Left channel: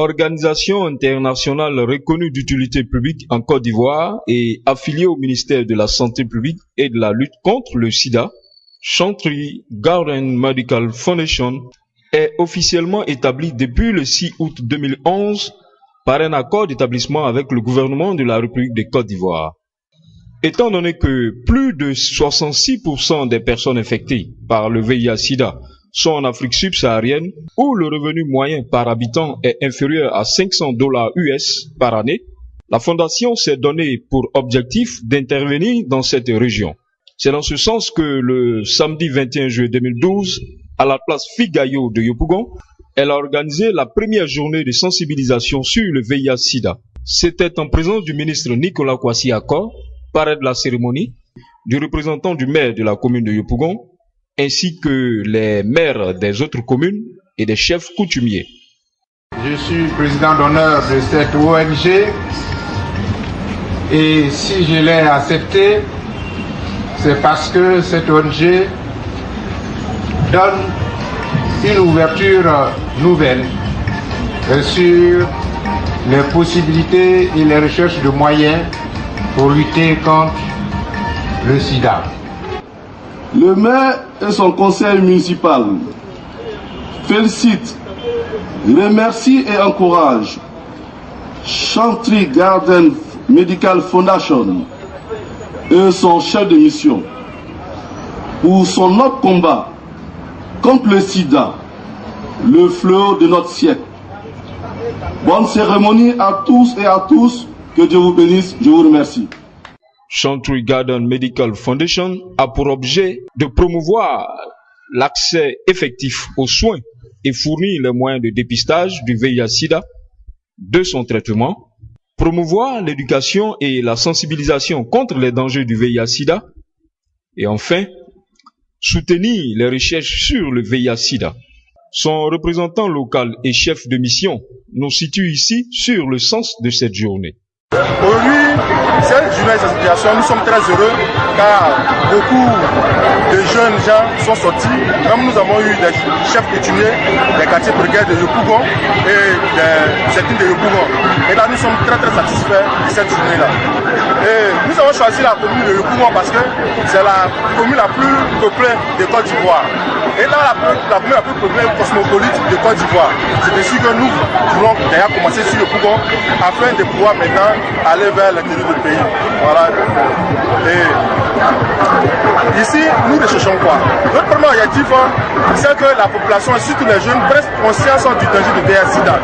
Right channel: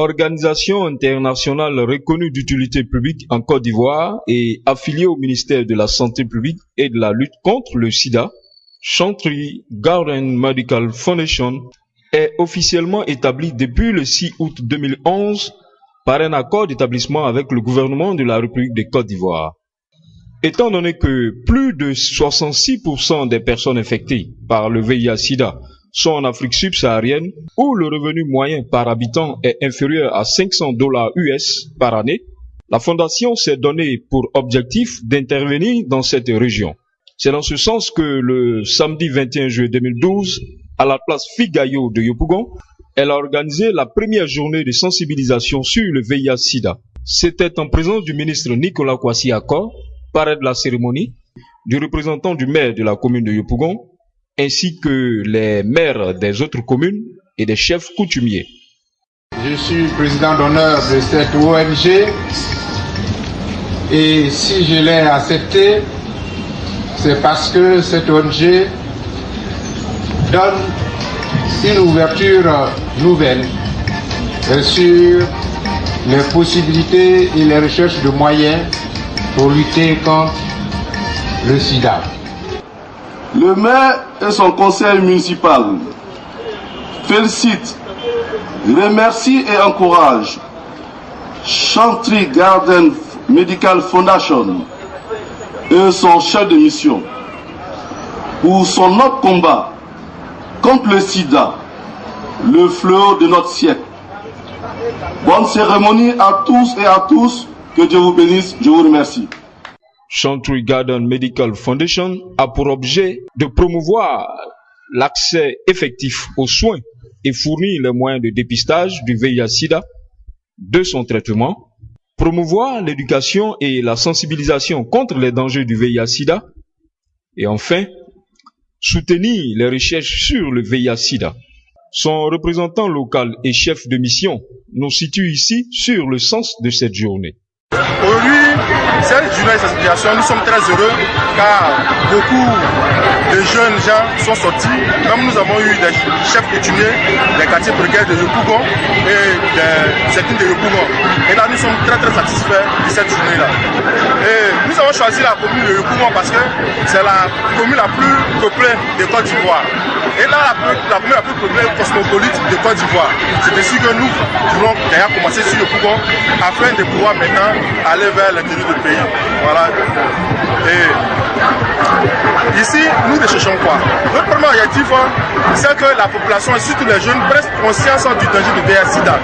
organisation internationale reconnue d'utilité publique en Côte d'Ivoire et affiliée au ministère de la Santé publique et de la lutte contre le sida, Chantry Garden Medical Foundation est officiellement établie depuis le 6 août 2011 par un accord d'établissement avec le gouvernement de la République de Côte d'Ivoire. Étant donné que plus de 66% des personnes infectées par le VIH-Sida sont en Afrique subsaharienne, où le revenu moyen par habitant est inférieur à $500 US par année, la Fondation s'est donné pour objectif d'intervenir dans cette région. C'est dans ce sens que le samedi 21 juillet 2012, à la place Figayo de Yopougon, elle a organisé la première journée de sensibilisation sur le VIH-Sida. C'était en présence du ministre Nicolas Kwasi Akor, parrain de la cérémonie, du représentant du maire de la commune de Yopougon, ainsi que les maires des autres communes et des chefs coutumiers. Je suis président d'honneur de cette ONG et si je l'ai accepté, c'est parce que cette ONG donne une ouverture nouvelle sur les possibilités et les recherches de moyens pour lutter contre le sida. Le maire et son conseil municipal félicitent, remercient et encouragent Chantry Garden Medical Foundation et son chef de mission pour son autre combat contre le sida, le fléau de notre siècle. Bonne cérémonie à tous et à tous, que Dieu vous bénisse, je vous remercie. Chantry Garden Medical Foundation a pour objet de promouvoir l'accès effectif aux soins et fournir les moyens de dépistage du VIH-Sida, de son traitement, promouvoir l'éducation et la sensibilisation contre les dangers du VIH-Sida et enfin, soutenir les recherches sur le VIH-Sida. Son représentant local et chef de mission nous situe ici sur le sens de cette journée. Aujourd'hui, cette journée de sensibilisation, nous sommes très heureux car beaucoup de jeunes gens sont sortis. Comme nous avons eu des chefs coutumiers des quartiers précaires de Yopougon et des certains de Yopougon. Et là, nous sommes très satisfaits de cette journée-là. Et nous avons choisi la commune de Yopougon parce que c'est la commune la plus peuplée de Côte d'Ivoire. Et là, la commune la plus peuplée cosmopolite de Côte d'Ivoire. C'est ainsi que nous voulons d'ailleurs commencer sur Yopougon afin de pouvoir maintenant aller vers l'intérieur du pays. Voilà. Et ici, nous ne cherchons quoi. Notre premier objectif, c'est que la population et surtout les jeunes prennent conscience du danger du VIH-Sida.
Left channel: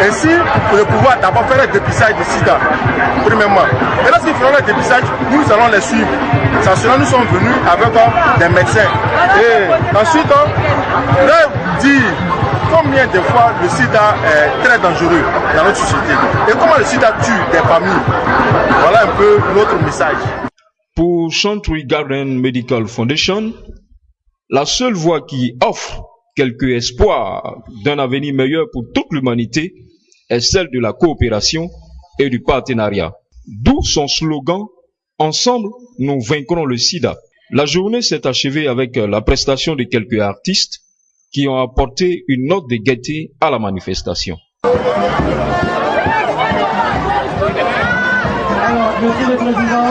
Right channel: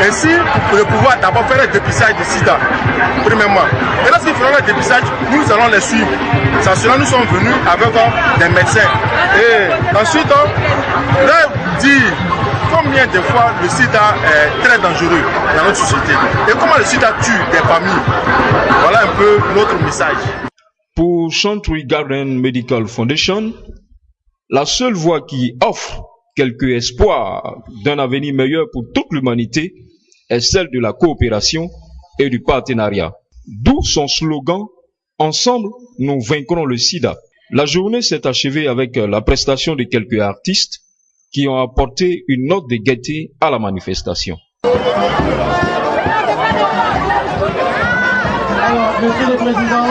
Ainsi, pour pouvoir d'abord faire le dépistage du sida, premièrement. Et lorsqu'ils feront le dépistage, nous allons les suivre. Ça sera, nous sommes venus avec des médecins. Et ensuite, leur dire combien de fois le sida est très dangereux dans notre société et comment le sida tue des familles. Voilà un peu notre message. Pour Chantry Garden Medical Foundation, la seule voie qui offre quelque espoir d'un avenir meilleur pour toute l'humanité est celle de la coopération et du partenariat. D'où son slogan « Ensemble, nous vaincrons le sida ». La journée s'est achevée avec la prestation de quelques artistes qui ont apporté une note de gaieté à la manifestation. Monsieur le Président,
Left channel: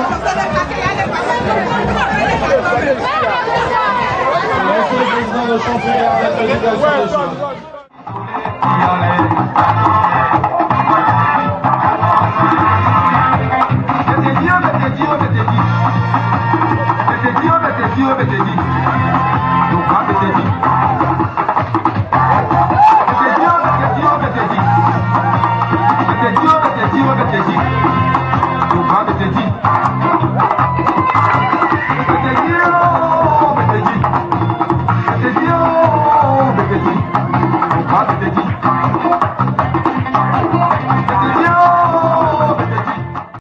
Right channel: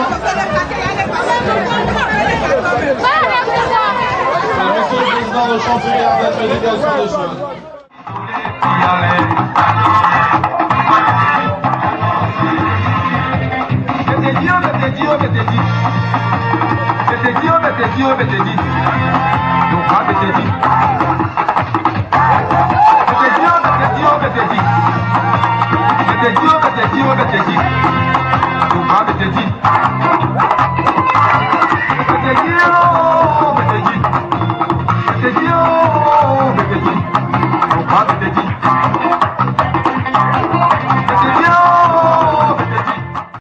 le championnat de la présidence. Thank you.